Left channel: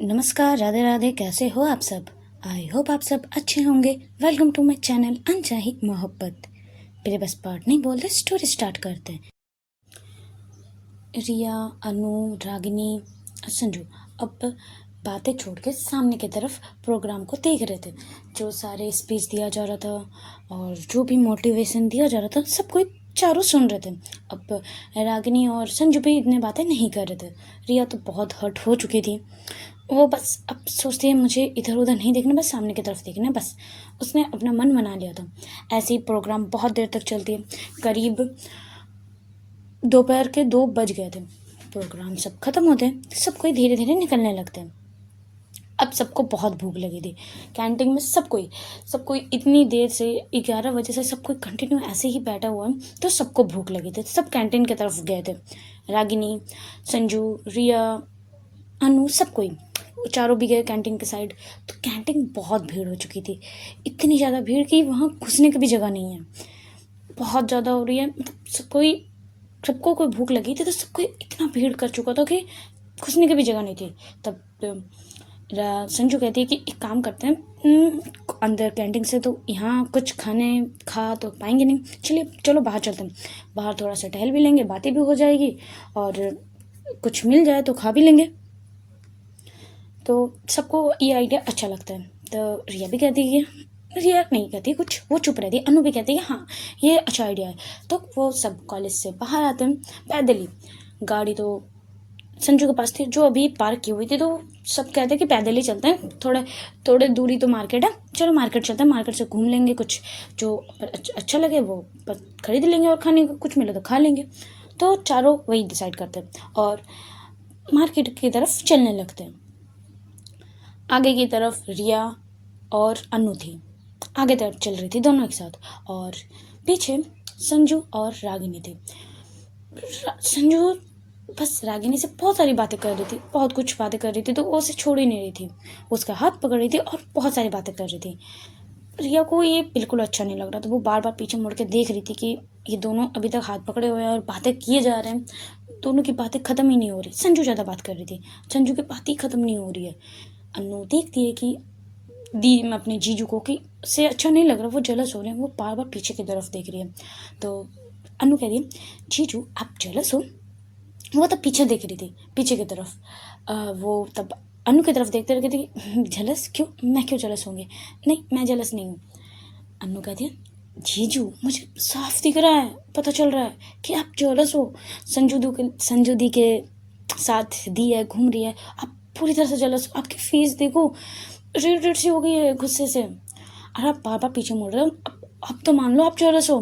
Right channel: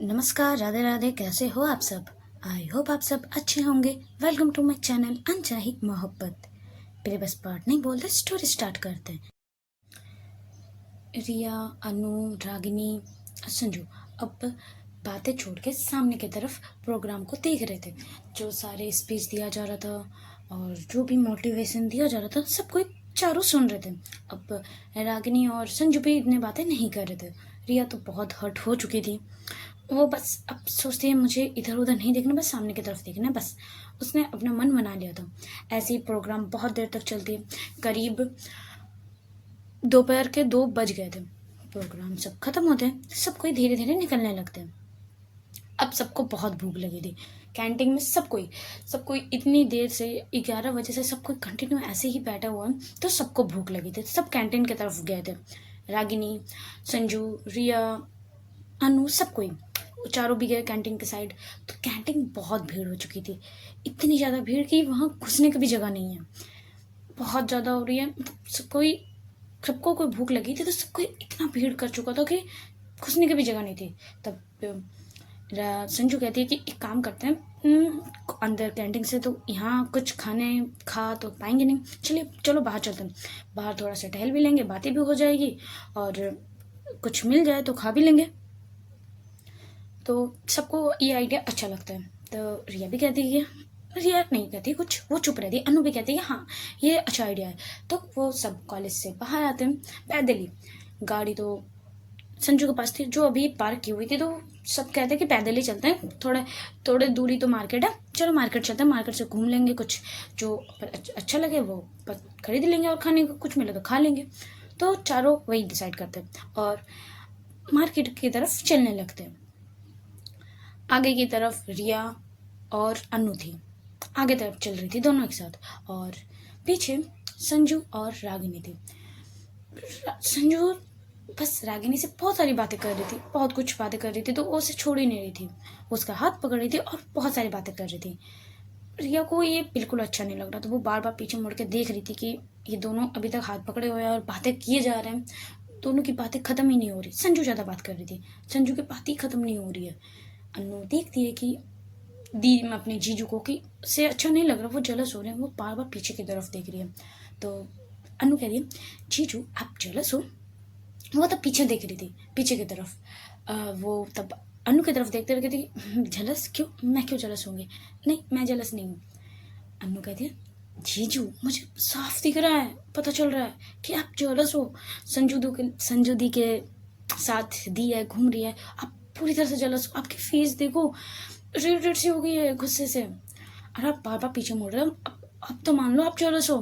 नमस्कार, राधे राधे। कैसे हो आप सब? आई होप आप सब अच्छे होंगे। वेलकम टू माई चैनल अनचाही मोहब्बत। पहले बस पार्ट नहीं बोलते, स्टोरी स्टार्ट करते हैं। रिया, अनु, रागिनी, संजू अब बातें छोड़ के सामने की तरफ प्रोग्राम को देख रहे थे। जो सारे स्पीच दिया जा रहा था और जो भी मोटिवेशन दिया जा रहा था, सब कोई चारों सुन रहे थे। अब रागिनी और संजू भी इतनी बातें नहीं कर रहे थे। रिया तो बहुत हर्ट हो चुकी थी। वो बस अब सोचती है मुझे इधर उधर नहीं देखना, बस सामने की तरफ देखना है। बस उसने अपना मन बना लिया था। ऐसे ही प्रोग्राम बहुत देर तक चलती है। करीब दोपहर के 2 बज गए थे। प्रोग्राम सब खत्म होते हैं, सब कोई धीरे धीरे निकलने लगते हैं। अब सबको बहुत भूख लगी थी। कैंटीन में सब कोई इतनी देर से 11 बजे से सब कोई कंटिन्यू ऐसे ही बैठा हुआ है, तो सबको भूख लगी थी। सब कैंटीन की तरफ गए थे। रागिनी, संजू, रिया, अनु, सब कोई चारों भी गए कैंटीन के साइड। तो कैंटीन बहुत भीड़ हो चुकी थी। इतनी ज़्यादा भीड़ कि वहाँ घुसने की भी जगह नहीं है। बहुत ज़्यादा हो रही है। मतलब सबको कोई भूख लगी थी, तो सबको इतना भीड़ कर चुका था कि घुसने की भी जगह नहीं थी। तब संजू कहती है कि एक काम करते हैं, अंदर कैंटीन से तो यहाँ कुछ खा तो पाएंगे नहीं, चलो बाहर चलते हैं। बाहर थोड़ा सा टहल भी लेंगे, बातें भी हो जाएगी और कुछ मिल जाए तो खा भी लेंगे। तो सबको ये आइडिया अच्छा लगता है। तो रिया भी कहती है, रिया नहीं कहती कुछ, वो चुप रहती है। अनु भी कहती है हाँ ये अच्छा आइडिया है। तो वो सब कॉलेज से बाहर आते हैं पैदल ही। गाड़ी तो संजू के पास थी, जो अभी पार्क की हुई थी। तो सब कहते हैं कि पैदल ही चलते हैं, थोड़े दूरी तो मार्केट है, चलो मार्केट चलते हैं, मार्केट से घूम लेंगे, कुछ जो अच्छा लगे वो खरीद लेंगे और खाने को कुछ मिले तो खा लेंगे। तो चारों वही डिसाइड करते हैं और मार्केट की तरफ चलने लगते हैं। आगे की तरफ रिया और अनु थी, आगे तरफ चल रही थी दोनों एक साथ, और पीछे संजू और रागिनी थी। संजू बस रागिनी से बहुत सारी बातें कर रही थी, बहुत कुछ बातें कर रही थी, तो वो उसे छोड़ ही नहीं रही थी। उसका हाथ पकड़ रही थी और बहुत सारी बातें कर रही थी। रिया को ये बिल्कुल अच्छा नहीं लग रहा था। वो बार बार पीछे मुड़ के देख रही थी कि ये दोनों अभी तक हाथ पकड़े हुए हैं और बातें किए जा रहे हैं। दोनों की बातें खत्म ही नहीं हो रही। संजू ज़्यादा बात कर रही थी, संजू की बात ही खत्म नहीं हो रही है। अनु देखती है कि दी में अपने जीजू को कि से अच्छा नहीं लग रहा, वो जलस हो रहे हैं। वो बार बार पीछे की तरफ देख रही है। तो अनु कह रही है जीजू आप जलस हो? वो तब पीछे देख रही थी, पीछे की तरफ। वो तब अनु की तरफ देखते रह थी। जलस क्यों? मैं क्यों जलस होंगे? नहीं, मैं जलस नहीं हूँ। अनु कहती है जीजू मुझे साफ दिख रहा है, पता चल रहा है कि आप जलस हो। संजू दी के साथ दी है, घूम रही है, आप पूरी तरह से जलस हो। आपकी फेस देखो, रेड रेड सी हो गई है गुस्से से, और आप बार बार पीछे मुड़ रहे हो। अब तो मान लो आप जलस हो।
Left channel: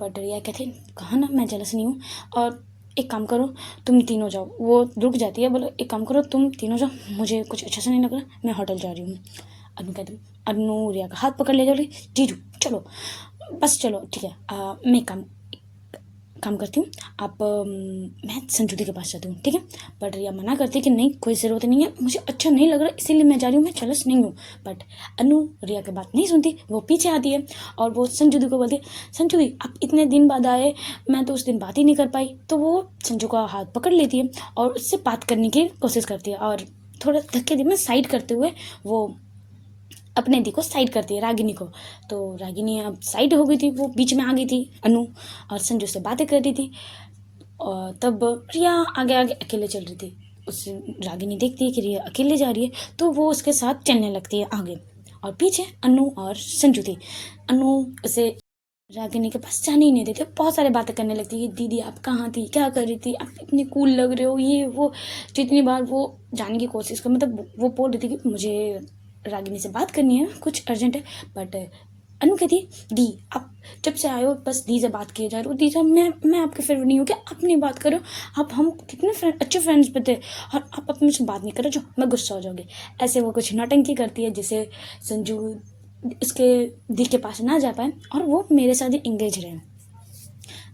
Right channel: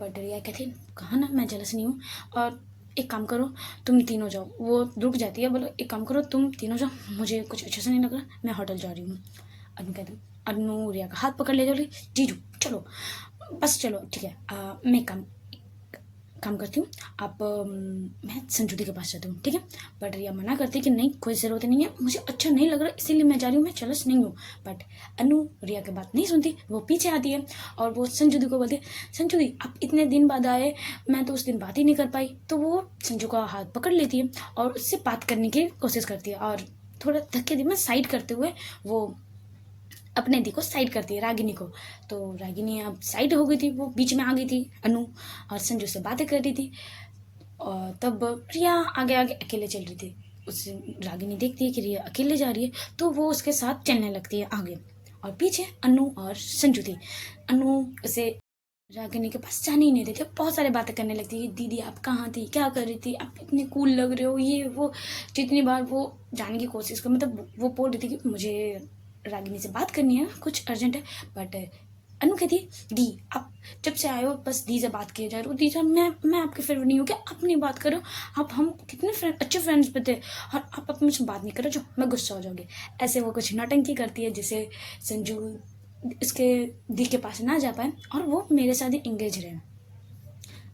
बट रिया कहती कहा ना मैं जलस नहीं हूँ। और एक काम करो, तुम तीनों जाओ। वो रुक जाती है, बोलो एक काम करो तुम तीनों जाओ, मुझे कुछ अच्छा सा नहीं लग रहा, मैं होटल जा रही हूँ। अनु कहती अनु रिया का हाथ पकड़ ले जाओ, जीजू चलो बस चलो ठीक है। मैं काम करती हूँ, आप मैं संजू दी के पास जाती हूँ, ठीक है। बट रिया मना करती है कि नहीं कोई ज़रूरत नहीं है, मुझे अच्छा नहीं लग रहा इसीलिए मैं जा रही हूँ, मैं जलस नहीं हूँ। बट अनु रिया की बात नहीं सुनती, वो पीछे आती है और वो संजू दी को बोलती है संजू दी आप इतने दिन बाद आए, मैं तो उस दिन बात ही नहीं कर पाई। तो वो संजू का हाथ पकड़ लेती है और उससे बात करने की कोशिश करती है, और थोड़ा धक्के दी में साइड करते हुए वो अपने दी को साइड करती है, रागिनी को। तो रागिनी अब साइड हो गई थी, वो बीच में आ गई थी अनु, और संजू से बातें कर रही थी। और तब रिया आगे आगे अकेले चल रही थी। उससे रागिनी देखती है कि रिया अकेले जा रही है, तो वो उसके साथ चलने लगती है आगे, और पीछे अनु और संजू थी। अनु उसे रागिनी के पास जाने ही नहीं देते, बहुत सारी बातें करने लगती है। दीदी आप कहाँ थी, क्या कर रही थी, आप इतनी कूल लग रहे हो, ये वो। जितनी बार वो जाने की कोशिश कर, मतलब वो बोल रही थी कि मुझे रागिनी से बात करनी है, कुछ अर्जेंट है। बट अनु कहती है दी आप जब से आए हो बस दी से बात किए जा रहे हो। दी सर मैं आपके फेवरेट नहीं हूँ क्या? आप नहीं बात करो, आप हम कितने अच्छे फ्रेंड्स पे थे और आप अब मुझसे बात नहीं करो, जो मैं गुस्सा हो जाओगे। ऐसे वो कुछ नौटंकी करती है जिससे संजू इसके दी के पास ना जा पाए और वो मेरे साथ ही इंगेज रहे।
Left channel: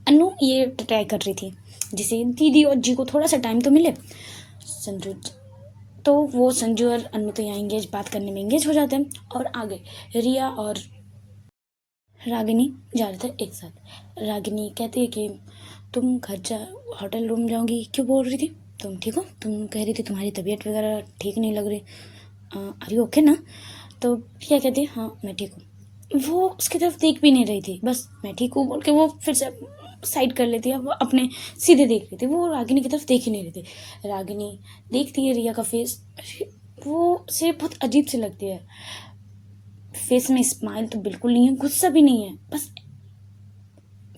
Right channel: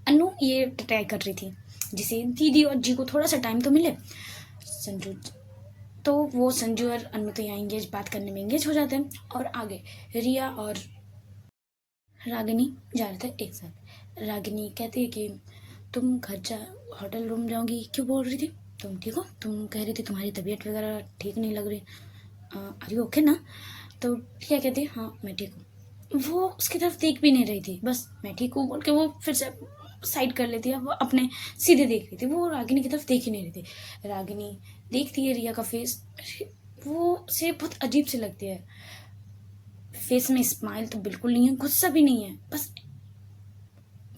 अनु ये ट्राई कर रही थी जिसे दीदी और जी को थोड़ा सा टाइम तो मिले। संजू तो वो संजू और अनु तो यहाँ बात करने में इंगेज हो जाते हैं, और आगे रिया और रागिनी जा रहे थे एक साथ। रागिनी कहती है कि तुम घर जा होटल रूम जाओगी, क्यों बोल रही थी? तुम ठीक हो? तुम कह रही थी तुम्हारी तबीयत वगैरह ठीक नहीं लग रही, आर यू ओके ना? तो क्या कहती है, हाँ मैं ठीक हूँ। वो उसकी तरफ देख भी नहीं रही थी, बस मैं ठीक हूँ बोल के वो फिर से साइड कर लेती है, वो अपने सीधे देख रही थी, वो रागिनी की तरफ देख ही नहीं रही थी। रागिनी देखती है रिया का फेस, वो उसे बहुत अजीब सी लगती है। फेस में स्माइल तो बिल्कुल नहीं है, गुस्सा भी नहीं है, बस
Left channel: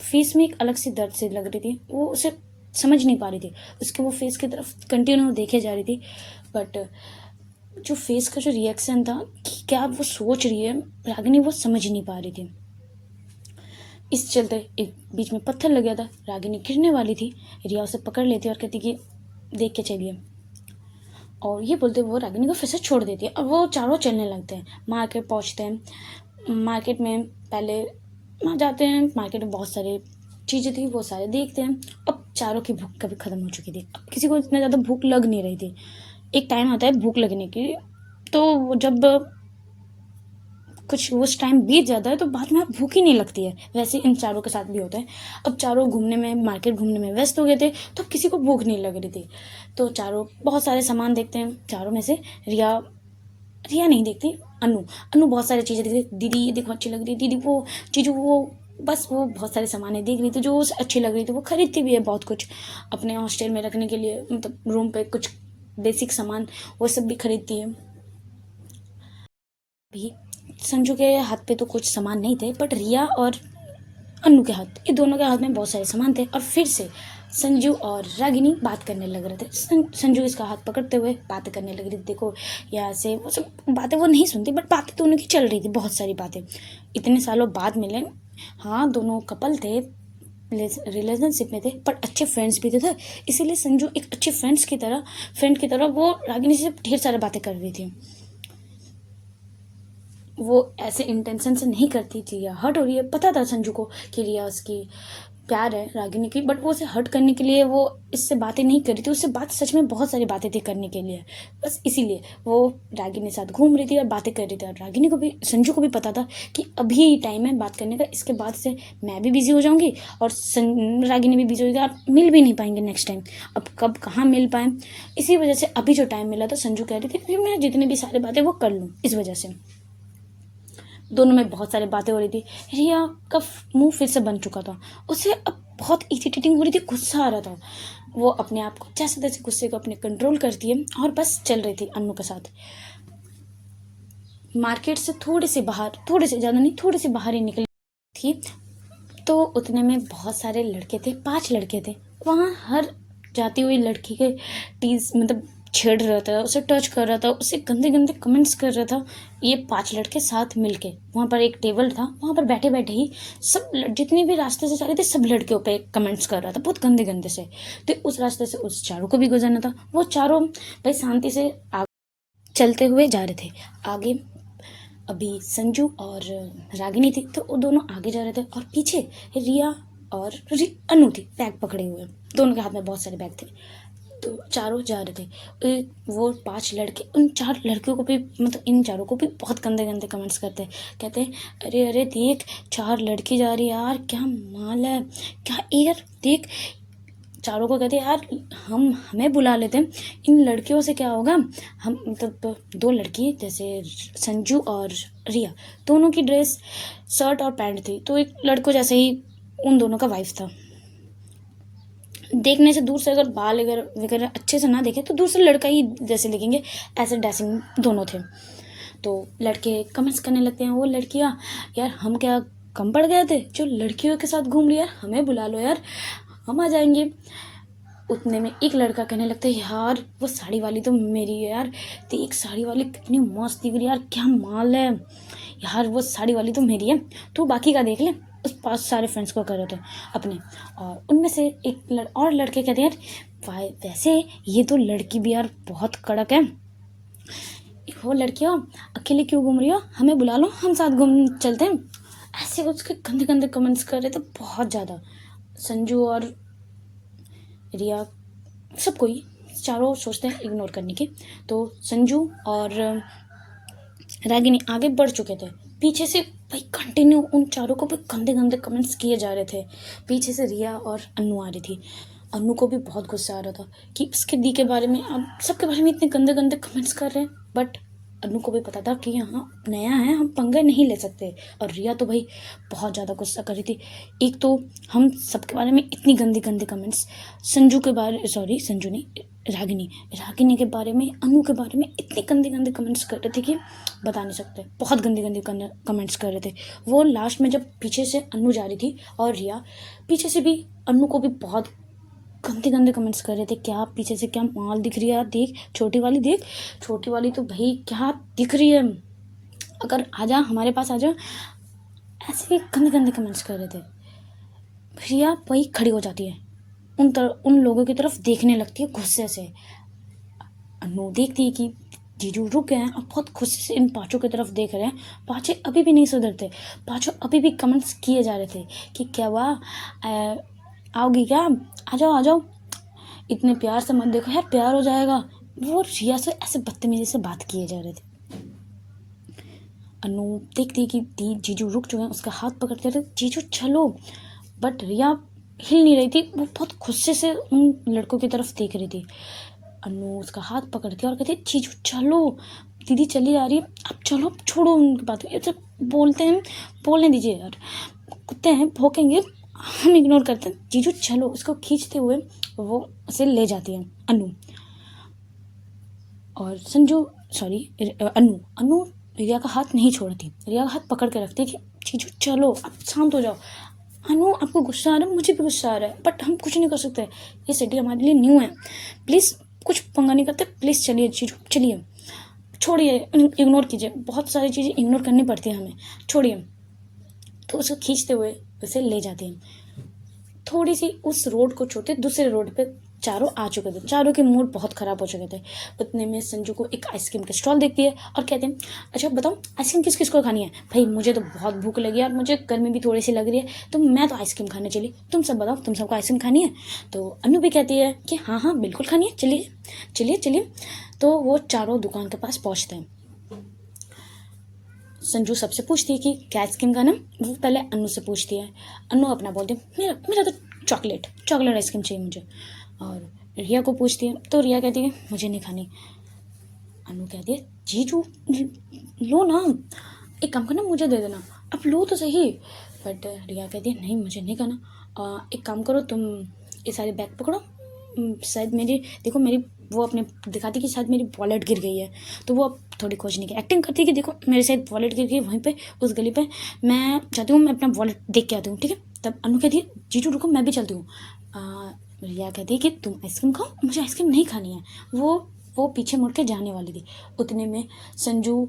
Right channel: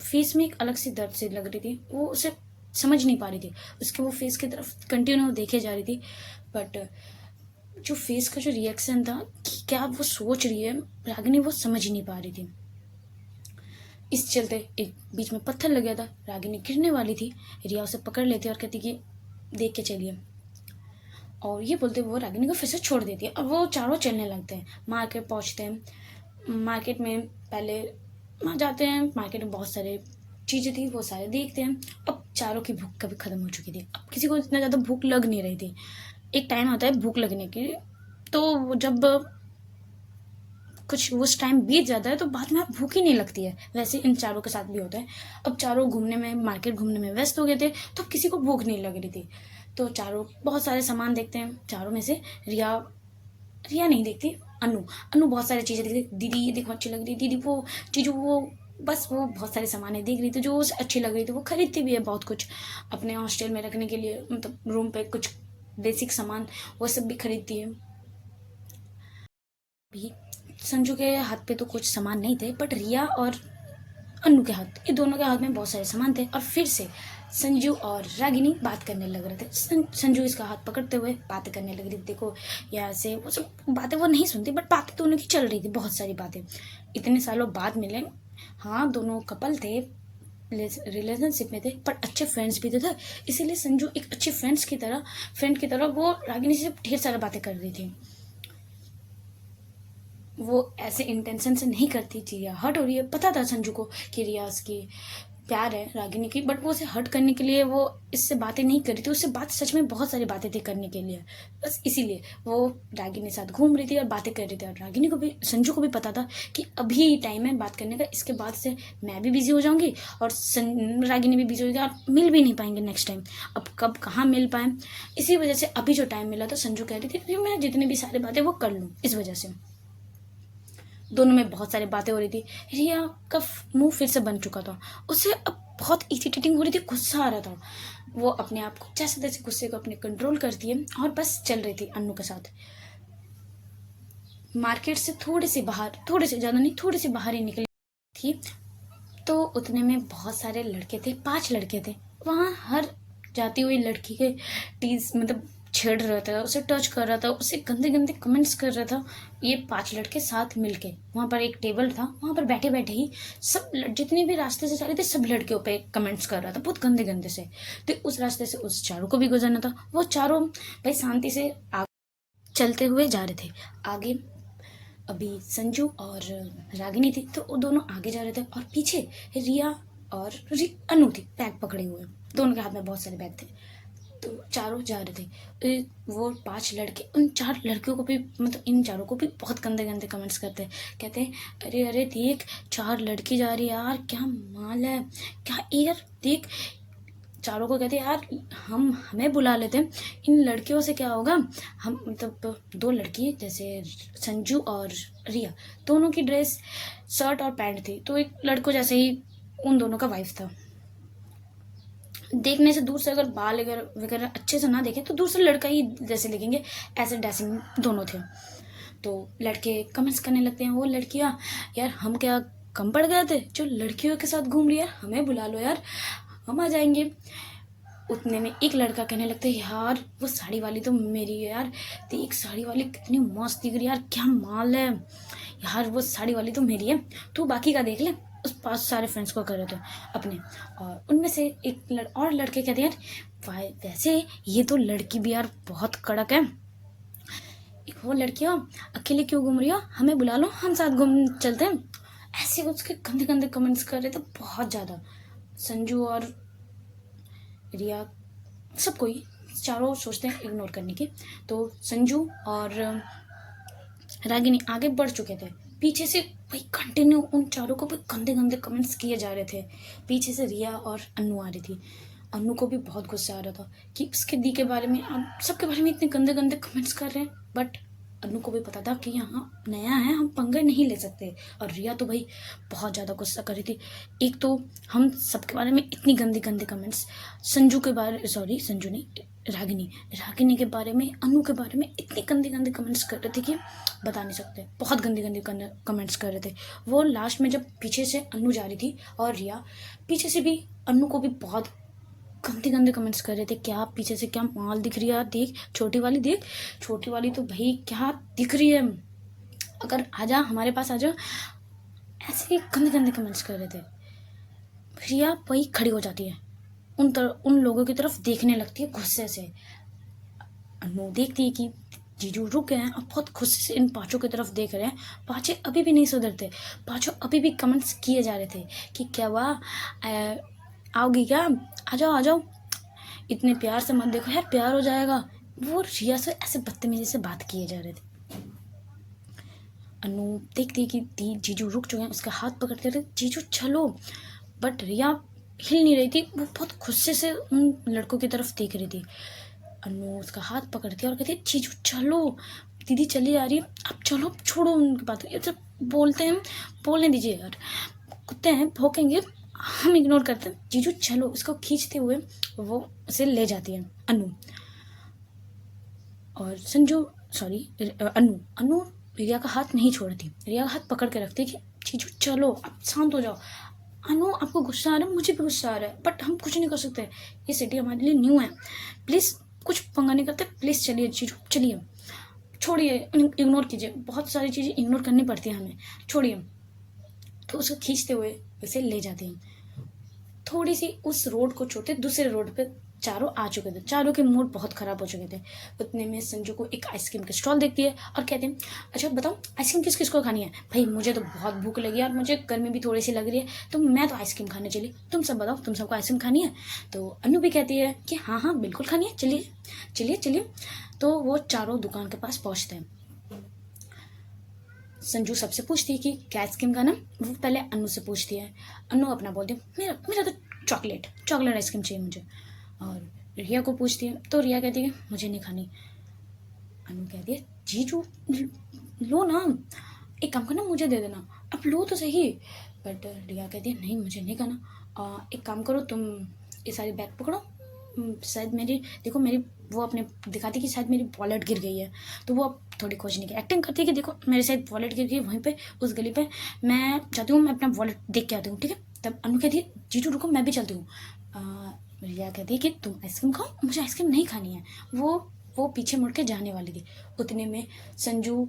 फेस में एक अलग सी दर्द से लग रही थी। वो उसे समझ नहीं पा रही थी, उसके वो फेस की तरफ कंटिन्यू देखे जा रही थी, बट जो फेस का जो रिएक्शन था कि क्या वो सोच रही है रागिनी, वो समझ नहीं पा रही थी। इस चलते एक बीच में पत्थर लग गया था, रागिनी गिरने वाली थी, रिया उसे पकड़ लेती और कहती कि देख के चलिए, और ये बोलते वो रागिनी को फिर से छोड़ देती है। और वो चारों चलने लगते हैं, मार्केट पहुंचते हैं। मार्केट में पहले वहाँ जाते हैं, मार्केट में बहुत सारे चीज़ें थी, वो सारे देखते हैं। अब चारों की भूख कभी ख़त्म हो चुकी थी, अब किसी को इतना ज़्यादा भूख लग नहीं रही थी। एक टाइम आता है भूख लगने की, तो जब कुछ उस टाइम बीत जाता है तो बाद में भूख ही नहीं लगती है, वैसे इन चारों के साथ भी होता है। अब चारों घूमने में, मार्केट घूमने में व्यस्त हो गए थे, तो किसी को भूख नहीं लग रही थी, तो चारों बहुत सारे सामान देखते हैं। चारों में से रिया रिया नहीं देखती, अनु बहुत सारी चीज़ें देखती, दीदी ये देखो अच्छी लग रही है, दीदी वो चीज़ों वो, बस वो बहुत सारे सामान देख रही थी जो उसे अच्छी लग रही थी। वो खरीदती भी है बहुत कुछ अपने हॉस्टल में रखने के लिए, मतलब रूम पे कुछ बेसिक सामान वो सब भी खरीदती है। भी संजू के हाथ पे तो कुछ सामान नहीं थे, बट रिया और अनु के हाथ, ये दोनों के हाथ में बहुत सारे सामान थे। और फिर से संजू और रागिनी बात करने लग रहे थे। संजू इसका हाथ पकड़ते हुए बातें करने लग रही थी, देखो यहाँ से वो सब बातें वो नहीं सुनती, बट बातें दोनों की चल रही थी, बहुत सारी बातें। इतने सालों बाद मिले, हाँ दोनों कपल थे, रिलेशनशिप में थे, पर अच्छे फ्रेंड्स भी थे, इसीलिए संजू एक अच्छे फ्रेंड की तरह वो रागिनी से ढेर सारी बातें कर रही थी। वो ऐसे इंटेंशन से नहीं करती थी, या हर्ट हो रही है, पता था संजू को कि रिया उसकी प्यार है रागिनी की, बट वो उसे हर्ट करने के लिए वो इससे बातें नहीं करी थी। उससे बात सच में बहुत सारी बातें थी करने के लिए, बस इसीलिए वो रागिनी के साथ घूम रही थी और बातें कर रही थी। और रागिनी को भी, संजू को भी पता था कि अभी टाइम है बात करने का, इसके बाद से मैं भी बिजी हो जाऊंगी और रागिनी भी बिजी होगी, आप मिल भी नहीं पाएंगे नेक्स्ट टाइम। अब कब कहाँ मिल पाए, इसी वजह से अभी जो टाइम मिला था संजू कह रही थी कि मैं जितनी भी सारी बातें वो कर लूँ। इस वजह से दोनों में बहुत सारी बातें हो रही थी। रिया का मुंह फिर से बन चुका था, उसे अब बहुत इरिटेटिंग हो रही थी, गुस्सा आ रहा था। वो अपने आप को जैसे तैसे गुस्से को अपने कंट्रोल करती है और बस चल रही थी अन्नू के साथ। मार्केट से थोड़े से बाहर, थोड़े से ज़्यादा नहीं, थोड़े से बाहर ही निकली थी, तो उतने में बहुत सारे लड़के थे, 5 लड़के थे वहाँ। हर जाती हुई लड़की के टीज मतलब छेड़ रहा था, उसे टच कर रहा था, उसे गंदे गंदे कमेंट्स कर रहा था। ये 5 लड़के साथ मिलके, वहाँ पर एक टेबल था, वहाँ पर बैठे बैठे ही सब जितने भी रास्ते से जा रहे थे सब लड़कियों पे कमेंट्स कर रहा था, बहुत गंदे गंदे से। तो उस रास्ते से उस चारों को भी गुजरना था। वो चारों भाई शांति से चलते हुए जा रहे थे आगे। अभी संजू और रागिनी थी, तो वो दोनों आगे जा रहे थे और पीछे रिया और अनु थी बैग पकड़े हुए, दोनों के हाथ में बहुत सारे बैग थे, तो चारों जा रहे थे। वो 5 लड़के उन 4 लड़कियों को भी, मतलब इन चारों को भी बहुत गंदे गंदे कमेंट्स करते हैं, कहते हैं अरे अरे देख 4 लड़की जा रही है यार, क्या माल है, क्या यार देख। चारों को कहते हैं यार हमें बुला लेते हैं, इन लड़कियों से क्या होगा। हम मतलब 2 लड़की जैसे संजू और रिया, दोनों की ड्रेस शर्ट और पैंट थी, तो एक लड़कों जैसे ही उन दोनों का वाइफ था। देखने से दूर से अगर बाल वगैरह अच्छे से ना देखे तो दूर से लड़का ही जैसे लगेंगे, ऐसे ड्रेसिंग दोनों थे। तो लड़के कमेंट्स करने लगते हैं, वो लड़कियां यार हम क्या कम पड़ गए थे जो लड़कियों के साथ घूम रही है, हमें बुला लो यार, हम आ जाएंगे। उतने में एक लड़का कहने लगता है यार वो साड़ी वाली तो मेरी है यार, देख साड़ी वाली कितनी मस्त दिख रही है यार, क्या माल है यार, वो साड़ी वाली तो मेरी है, तू बाकी का देख ले। उस 5 सारे फ्रेंड्स को कर रहे थे अपने, और उनमें से एक और लड़के कहते हैं यार वैसे ये तो लड़की भी यार बहुत कड़क है, वो लड़कियाँ अकेले क्यों घूम रही हो, हमें बुला लो हम साथ घूम चलते हैं। ऐसे उसके गंदे गंदे कमेंट्स कर रहे थे बहुत ज़्यादा। संजू और रिया सब कोई चारों सोचते हैं इग्नोर करने की, तो संजू और रागिनी आगे बढ़ चुके थे, पीछे से भाई कंटिन्यू उन चारों को भी गंदे गंदे कमेंट्स किए जा रहे थे। पीछे से रिया और अन्नू आ रही थी, अनु को भी बहुत गुस्सा आ रहा था कि उसके दी के बारे में अब सबके बारे में इतने गंदे गंदे कमेंट्स कर रहे हैं, बट अनु को भी पता था कि यहाँ नया है, हम पंगे नहीं ले सकते। और रिया तो भाई बहुत ज़्यादा गुस्सा कर रही थी। एक तो हम सबके बारे में इतनी गंदी गंदी कमेंट्स, संजू के बारे, सॉरी संजू नहीं, रागिनी के बारे में, अनु के बारे में इतनी गंदे गंदे कमेंट्स कर रहे थे कि बता नहीं सकते। बहुत गंदे गंदे कमेंट्स कर रहे थे वो। लास्ट में जब पीछे से अनु जा रही थी और रिया पीछे से भी अनु को भी बहुत गंदे गंदे कमेंट्स कर रहे थे। क्या पीछे से क्या माल दिख रही है यार, देख छोटी वाली, देख छोटी वाली तो भाई क्या दिख रही है, अगर आजा हमारे पास आजा, ऐसे गंदे गंदे कमेंट्स कर रहे थे। रिया वही खड़ी हो जाती है, उन लोगों की तरफ देखने लगती है गुस्से से। अनु देखती है कि जीजू रुक गए हैं और बहुत गुस्से से इन पाँचों की तरफ देख रहे हैं। पाँचों अभी भी नहीं सुधरते, पाँचों अभी भी कमेंट्स किए जा रहे थे कि क्या हुआ, आओगी क्या, आ जाओ आ जाओ, इतने प्यार से मत देखो यार, प्यार हो जाएगा। वो रिया से ऐसे बदतमीजी से बात किए जा रहे थे। अनु देखती कि जीजू रुक चुके हैं, उसका हाथ पकड़ के जीजू चलो, बट रिया हिल नहीं रही थी, वो बहुत गुस्से से उन लड़कों की तरफ देख रही थी। अनु उसका हाथ पकड़ के और कहती जीजू चलो, दीदी चली आ रही है, अब चलो, अब छोड़ो उनकी बात, ये सब बोलते हैं, बोलने दीजिए यार, कुत्ते हैं भौंकेंगे, हम इग्नोर करते हैं, जीजू चलो। उसको खींचते हुए वो उसे ले जाती है अनु। और संजू, सॉरी अनु रिया का हाथ नहीं छोड़ती, रिया का हाथ पकड़ के रखती है कि जीजू चलो, अब शांत हो जाओ। अनु आपको गुस्सा आ रहा है, मुझे भी गुस्सा आ रहा है, बट हम कुछ नहीं कर सकते, ये सिटी हमारे लिए न्यू है, प्लीज़ कुछ पंगा नहीं करते, प्लीज़ चलिए जीजू चलिए, छोड़िए, इग्नोर कीजिए, बहुत सारी चीज़ें इग्नोर करनी पड़ती है हमें, छोड़िए। तो उसे खींचते हुए उसे ले जाते हैं। थोड़ी सी उस रोड को छोड़ते दूसरे रोड पे चारों आ चुके थे, चारों के मूड बहुत ख़राब हो चुके थे। उतने में संजू को एक आइसक्रीम का स्टॉल देखती है और कहते हैं अच्छा बताओ आइसक्रीम किस किस को खानी है। भाई मुझे तो बहुत भूख लगी है और मुझे गर्मी भी थोड़ी सी लग रही है, तो मैं तो आइसक्रीम खाने चली, तुम सब बताओ तुम सबको आइसक्रीम खानी है। तो अनु भी कहती है कि हाँ हाँ बिल्कुल खानी है, चलिए चलिए चलिए। तो वो चारों दुकान के पास पहुँचते हैं। संजू सबसे पूछती है कि क्या आइसक्रीम का नाम, वो पहले अनु से पूछती है। अनु अपना बोलती है मेरा मेरा तो चॉकलेट आइसक्रीम चाहिए मुझे। और रिया को पूछती है तो रिया कहती है मुझे नहीं खानी। अनु कहती है जीजू लो ना, एक काम करना मुझे दे देना, अब लो तो सही। बट रिया कहती है नहीं मुझे नहीं खाना, एक काम करो तुम ये सारे बैग पकड़ो, शायद मेरी देखो मेरी वो अपने दिखाती कि शायद मेरी वॉलेट गिर गई है, तो वो अब थोड़ी खोजने की एक्टिंग करती है कि देखो मेरे शायद वॉलेट गिर गई वहीं पे उस गली पे, मैं चाहती हूँ मैं अपना वॉलेट देख के आती हूँ, ठीक है। तब अनु कहती है जीजू रुको मैं भी चलती हूँ। रिया कहती है कि तुम आइसक्रीम खाओ, मुझे आइसक्रीम नहीं खानी है। वो पीछे मुड़ के जाने वाली थी, उतने में संजू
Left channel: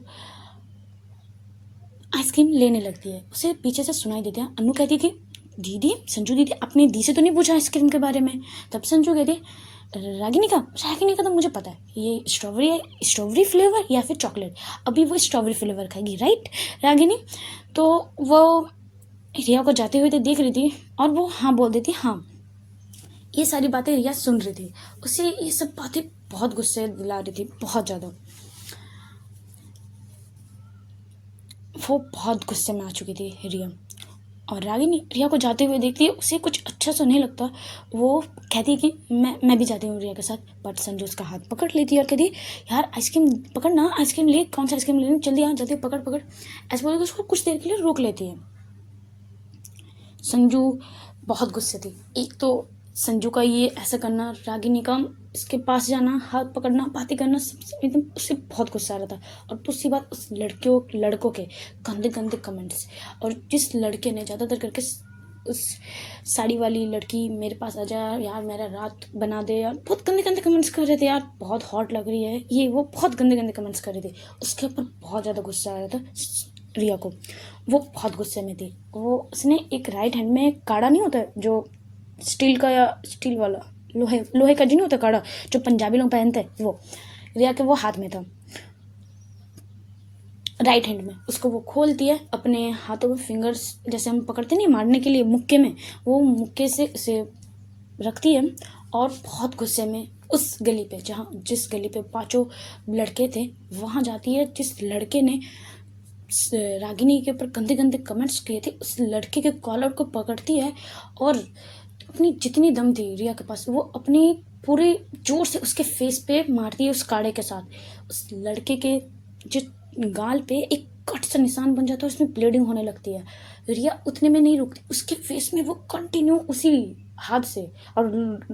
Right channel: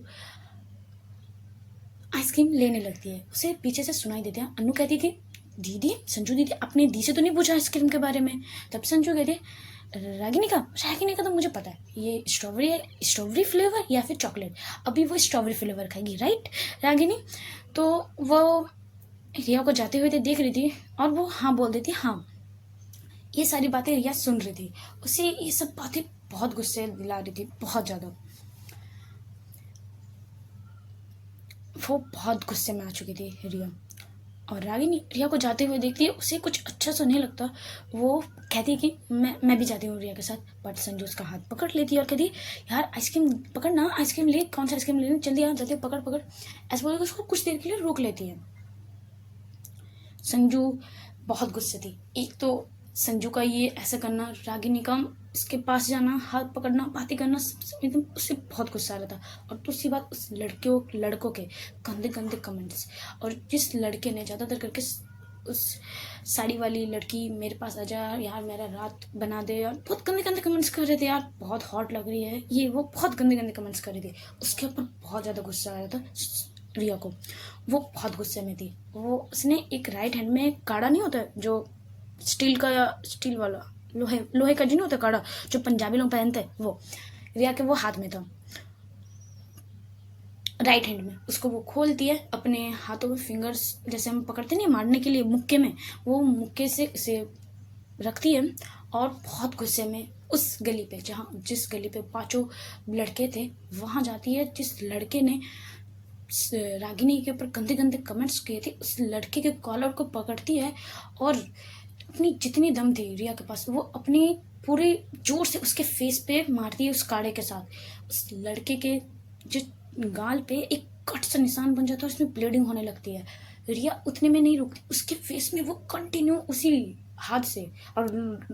आइसक्रीम लेने लगती है, उसे पीछे से सुनाई देता है। अनु कहती है कि दीदी, संजू दीदी अपने दी से तो नहीं पूछा आइसक्रीम के बारे में। तब संजू कहती है रागिनी का तो मुझे पता है, ये स्ट्रॉबेरी फ्लेवर या फिर चॉकलेट, अभी वो स्ट्रॉबेरी फ्लेवर खाएगी राइट रागिनी। तो वो रिया को जाते हुए देख रही थी और वो हाँ बोल देती हाँ। ये सारी बातें रिया सुन रही थी, उसे ये सब बातें बहुत गुस्से दिला रही थी, बहुत ज़्यादा। वो बहुत गुस्से में आ चुकी थी रिया। और रागिनी रिया को जाते हुए देखती है, उसे कुछ अच्छा सा नहीं लगता, वो कहती है कि मैं भी जाती हूँ रिया के साथ। बट संजू उसका हाथ पकड़ लेती है और कहती है यार आइसक्रीम पकड़ना, आइसक्रीम ले, कौन सा आइसक्रीम लेना, जल्दी आ, जल्दी पकड़। ऐसे बोल के उसको कुछ देर के लिए रोक लेती है। संजू बहुत गुस्से थी, एक तो संजू का ये ऐसा करना, रागिनी का इसके पास जाना, हाथ पकड़ना, बातें करना, एकदम उससे बहुत गुस्सा आ रहा था। और दूसरी बात उस लड़कों के गंदे गंदे कमेंट्स, और जिस लड़के ने ज़्यादातर करके उस साड़ी वाली लड़की मेरे पास आ जा यार, मेरा रात बना दे यार, बहुत गंदे गंदे कमेंट्स कर रहे थे यार, बहुत हॉट लग रही है ये वो, बहुत गंदे गंदे कमेंट्स कर रहे थे। उसके ऊपर बहुत ज़्यादा गुस्सा आ रहा था रिया को, वो बहुत गुस्से में थी। वो उसने एक राइट हैंड में काड़ा नहीं होता जो स्टील का या स्टील वाला लोहे का जी नहीं होता काड़ा जो पंजाबी लोग पहनते हैं, वो रिया के वो हाथ में था राइट हैंड में। उसको वो खोलती है, अपने हाथों में फिंगर्स जैसे हम पकड़ते नहीं मारने के लिए मुक्के में, वो मुक्के से इसे रखती है और बहुत गुस्से में उस गली पे जिस गली पे पांचों लड़के थे वहां जाती है। जिस लड़के ने रागिनी के ऊपर गंदे गंदे कमेंट्स किए थे, उस लड़के के कॉलर को पकड़ती है और अपनी जितनी दम थी रिया के पास वो अपनी पूरे जोर से उसके फेस पे मारती है उस काड़े के साथ। उस लड़के के जो गाल पे एक कट सा निशान बन जाता है, उसमें ब्लीडिंग होने लगती है। रिया उतने में नहीं रुकती, उसके फेस में वो कंटिन्यू उसी हाथ से, और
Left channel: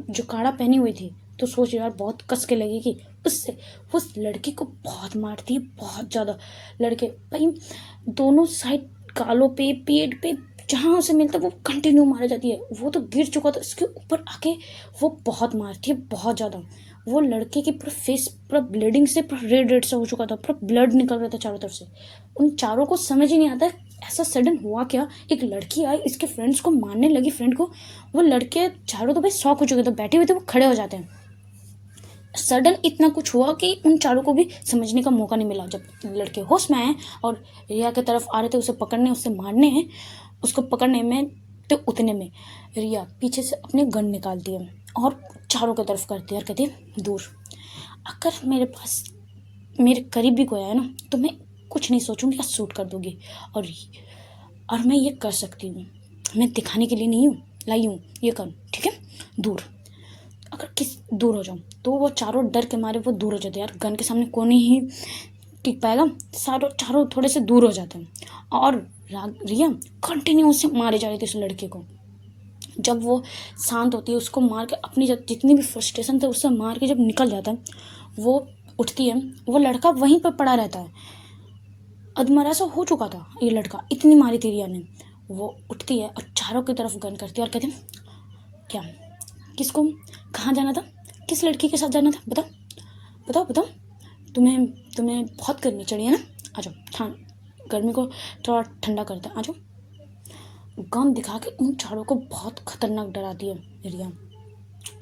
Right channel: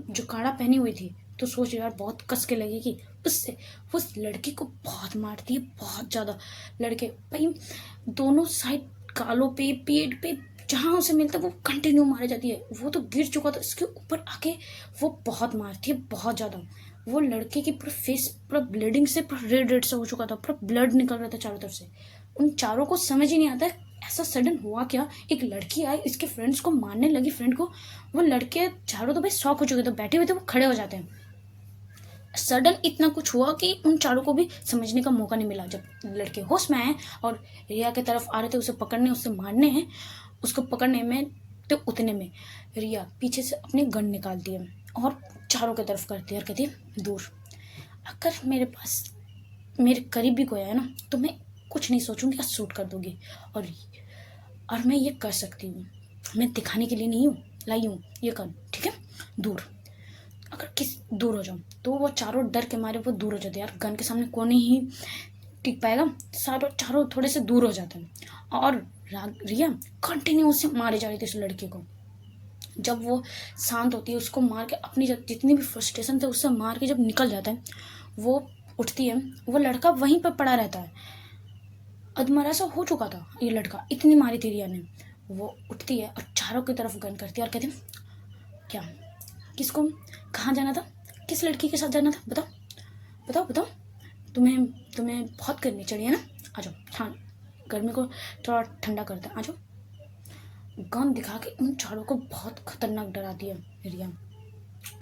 जो काड़ा पहनी हुई थी तो सोच यार बहुत कस के लगेगी उससे, वो उस लड़के को बहुत मारती है, बहुत ज़्यादा। लड़के भाई दोनों साइड गालों पे, पेट पे, जहाँ उसे मिलता है वो कंटिन्यू मारा जाती है। वो तो गिर चुका था, इसके ऊपर आके वो बहुत मारती है, बहुत ज़्यादा। वो लड़के की पूरा फेस पूरा ब्लीडिंग से पूरा रेड रेड सा हो चुका था, पूरा ब्लड निकल रहा था चारों तरफ से। उन चारों को समझ ही नहीं आता ऐसा सडन हुआ क्या। एक लड़की आई इसके फ्रेंड्स को मारने लगी, फ्रेंड को। वो लड़के चारों तो भाई शॉक हो चुके थे, बैठे हुए थे, वो खड़े हो जाते हैं। सडन इतना कुछ हुआ कि उन चारों को भी समझने का मौका नहीं मिला। जब लड़के होश में आए और रिया की तरफ आ रहे थे उसे पकड़ने, उससे मारने हैं, उसको पकड़ने में, तो उतने में रिया पीछे से अपने गन निकालती है और चारों की तरफ करती है और कहती है दूर। अगर मेरे पास मेरे करीब भी कोई आया ना तो मैं कुछ नहीं सोचूंगी या शूट कर दूंगी। और मैं ये कर सकती हूँ, मैं दिखाने के लिए नहीं हूँ लाई हूँ ये गन, ठीक है, दूर। अगर किस दूर हो जाऊँ तो वो चारों डर के मारे वो दूर हो जाते हैं यार, गन के सामने कौन नहीं टिक पाएगा, चारों थोड़े से दूर हो जाते हैं। और रिया कंटिन्यू उसे मारे जा रही थी उस लड़के को। जब वो शांत होती है उसको मार के, अपनी जितनी भी फ्रस्ट्रेशन थे उससे मार के जब निकल जाता है, वो उठती है, वो लड़का वहीं पर पड़ा रहता है, अधमरा सा हो चुका था ये लड़का, इतनी मारी थी रिया ने। वो उठती है और चारों की तरफ गन करती है और कहती है क्या, किसको, कहाँ जाना था, किस लड़की के साथ जाना था, बताओ बताओ बताओ, तुम्हें बहुत गर्मी चढ़ी है ना, आ जाओ, गर्मी को थोड़ा ठंडा करते हैं, आ जाओ। गन दिखा के उन चारों को बहुत खतरनाक डराती है रिया,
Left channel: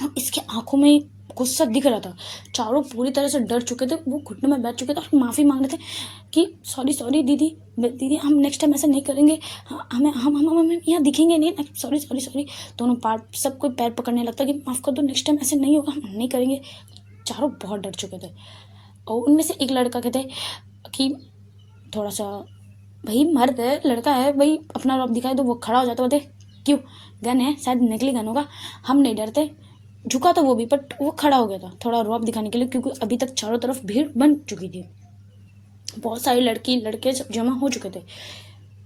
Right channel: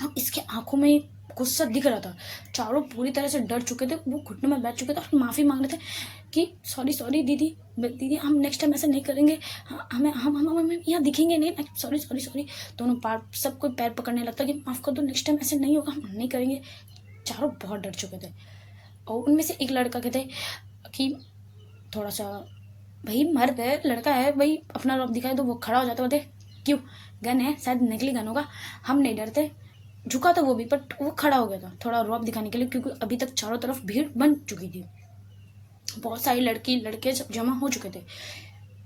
और इसके आंखों में गुस्सा दिख रहा था। चारों पूरी तरह से डर चुके थे, वो घुटनों में बैठ चुके थे और माफ़ी मांग रहे थे कि सॉरी दीदी हम नेक्स्ट टाइम ऐसा नहीं करेंगे, हम यहाँ दिखेंगे नहीं, सॉरी। दोनों पार सब कोई पैर पकड़ने लगता कि माफ़ कर दो, नेक्स्ट टाइम ऐसे नहीं होगा, हम नहीं करेंगे। चारों बहुत डर चुके थे। और उनमें से एक लड़का कहते कि थोड़ा सा, भाई मर्द है, लड़का है भाई, अपना रौब दिखाए तो वो खड़ा हो जाता, बोलते क्यों, गन है, शायद नकली गन होगा, हम नहीं डरते। झुका था वो भी, बट वो खड़ा हो गया था थोड़ा रौब दिखाने के लिए, क्योंकि अभी तक चारों तरफ भीड़ बन चुकी थी, बहुत सारी लड़के जमा हो चुके थे।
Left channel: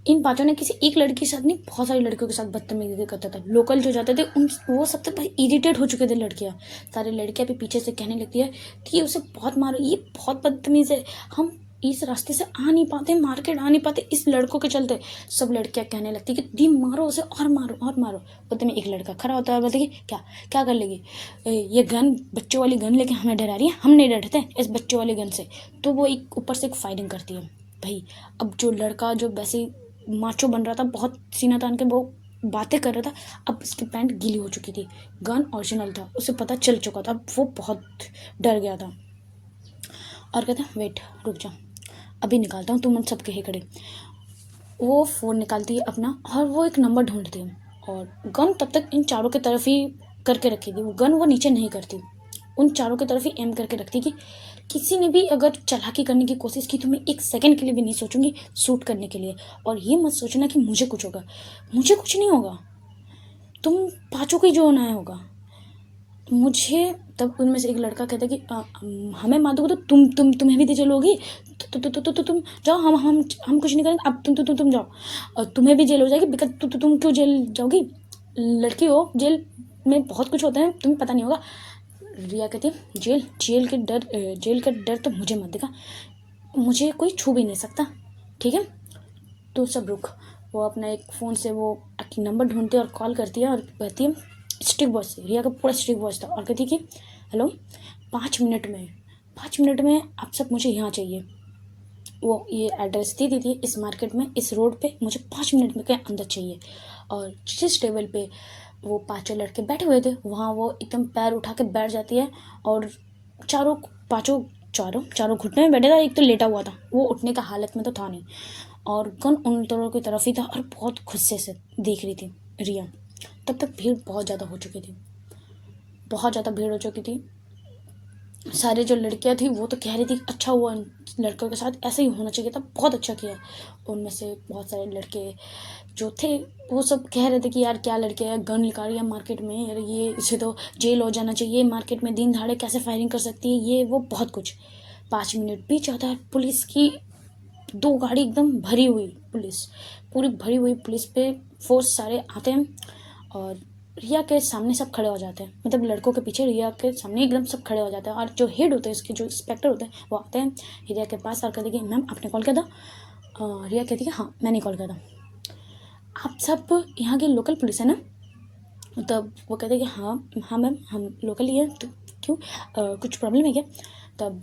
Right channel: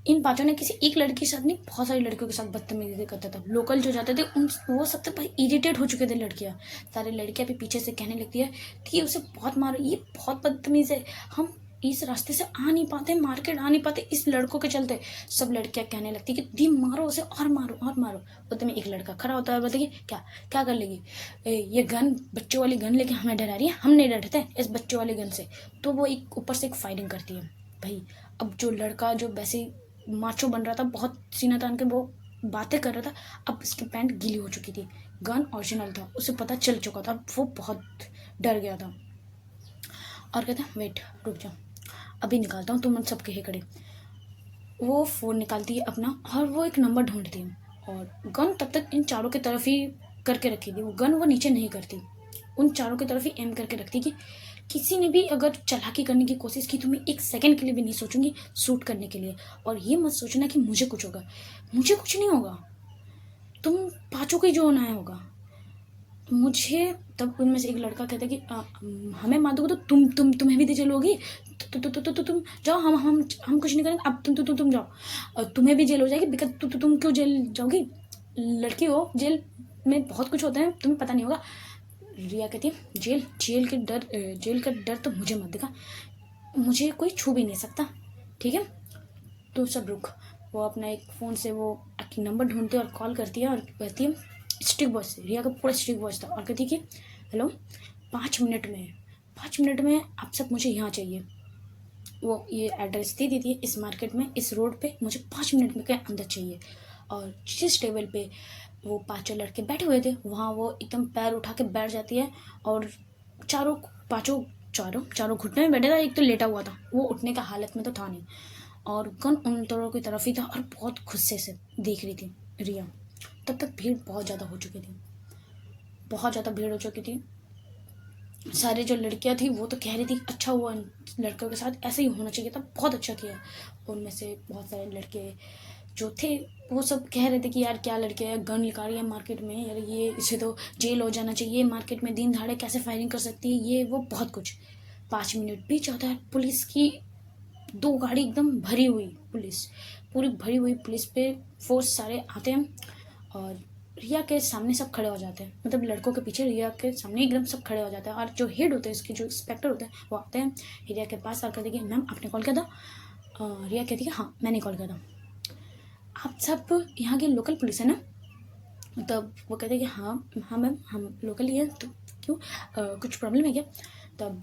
इन पांचों ने किसी एक लड़की के साथ नहीं, बहुत सारी लड़कियों के साथ बदतमीजी करता था। लोकल जो जाते थे उन वो सब तो इरिटेट हो चुके थे लड़कियां, सारी लड़कियां भी पीछे से कहने लगती है कि उसे बहुत मारो, ये बहुत बदतमीज है, हम इस रास्ते से आ नहीं पाते, मार्केट आ नहीं पाते इस लड़कों के चलते। सब लड़कियां कहने लगती कि दी मारो उसे, और मारो और मारो। उतने में एक लड़का खड़ा होता है, बोलते कि क्या कर लेगी, ये गन, बच्चों वाली गन लेके हमें डरा रही है, हम नहीं डरते इस बच्चों वाली गन से। तो वो एक ऊपर से एक फायरिंग करती है भाई। अब जो लड़का जो वैसे माचो बन रहा था, बहुत सीना तान के वो बातें कर रहा था, अब उसकी पैंट गीली हो चुकी थी, गन ओरिजिनल था, उसे पता चल चुका था, वो बहुत डर गया था और कहता वेट रुक जाओ, अभी निकालता हूँ, तुम उन सब के ही खड़े। वो फ़ोन निकालती है अपना और वो एक नंबर ढूंढती है, और गन तब तक इन चारों की तरफ ही करके रखी थी, वो गन वो नीचे नहीं करती, उन चारों की तरफ ही एम करके रखती कि किसी ने भी अगर चालाकी करने की कोशिश की तो मैं एक सेकंड के लिए भी नहीं सोचूंगी शूट करने के लिए। और ये मत सोचना कि मुझे कुछ होगा, मुझे कुछ नहीं होगा, तुम पाँचों को ही जो होना है होगा मुझे। तब उनमें से एक लड़का कहता है कि हमें मार दोगे तो तुम्हें भी दे चलोगी, तो तुम जाओ, हम कुछ नहीं करेंगे, अब तुम जाओ, तुम्हें भी जेल हो जाएगी, बिकॉज तुम क्यों जेल जाओगी, लड़की हो, जेल में बहुत कुछ होता है, तुम्हें पता नहीं होगा। रिया कहती है जेल का डर तो मुझे मत दिखा, मुझे कोई छू भी नहीं सकता, ठीक है, तो सब रुक। वो अपना एक फ़ोन से वो नंबर ढूंढती है और कॉल करती है और कहती है स्ट्रिक वॉइस से, रिया का पूरा स्ट्रिक वॉइस था, और कहती है कि हेलो 5 मिनट में आप सब मुझे यहाँ चाहिए। वो ये एड्रेस दी थी इस मार्केट में, इस रोड पे, मुझे 5 मिनट में के अंदर चाहिए। और जिस टेबल पे वो पांचों लड़के बैठे हुए थे वहाँ वो एकदम पैर उठा के बैठ जाती है, और चारों घुटने में बैठे था, एक तो लेटा हुआ था, वो उठने का हालत में तो था नहीं, और गन उन दोनों की तरफ ही था और बहुत गुस्से से देख रही थी रिया। तब तक भीड़ बहुत ज़्यादा हो चुकी थी, बहुत ज़्यादा भीड़ हो चुकी थी। सारे जो लड़कियां थी वो तो कह रही थी अच्छा हुआ लड़कों के साथ ऐसे ही होना चाहिए था, बहुत अच्छा किया। उनमें से बहुत सारे लड़के जो थे वो सब कह रहे थे कि यार क्या लड़के है, गन निकाल रही है मार्केट में, यार ये इसे तो जेल हो जाना चाहिए, मार्केट में दिन दहाड़े कैसे फायरिंग कर सकती है, ये वो बहुत कुछ। 5 मिनट बीत जाता है, पुलिस की 2 गाड़ी एकदम भरी हुई, पुलिस पूरी भरी हुई पुलिस पे फोर्स सारे आते हैं और रिया के सामने सब खड़े हो जाते हैं, मतलब लड़कों के पीछे रिया के सामने एकदम सब खड़े हो जाते हैं। और जो हेड होते हैं, इसके जो इंस्पेक्टर होते हैं, वो आते हैं रिया के पास और कहते हैं कि मैम आपने कॉल किया था। रिया कहती है हाँ मैंने कॉल किया था, आप सब यहाँ के लोकल पुलिस है ना? तब वो कहते हैं कि हाँ हाँ मैम हम लोकल ही है, तो क्यों कुछ प्रॉब्लम है क्या? तब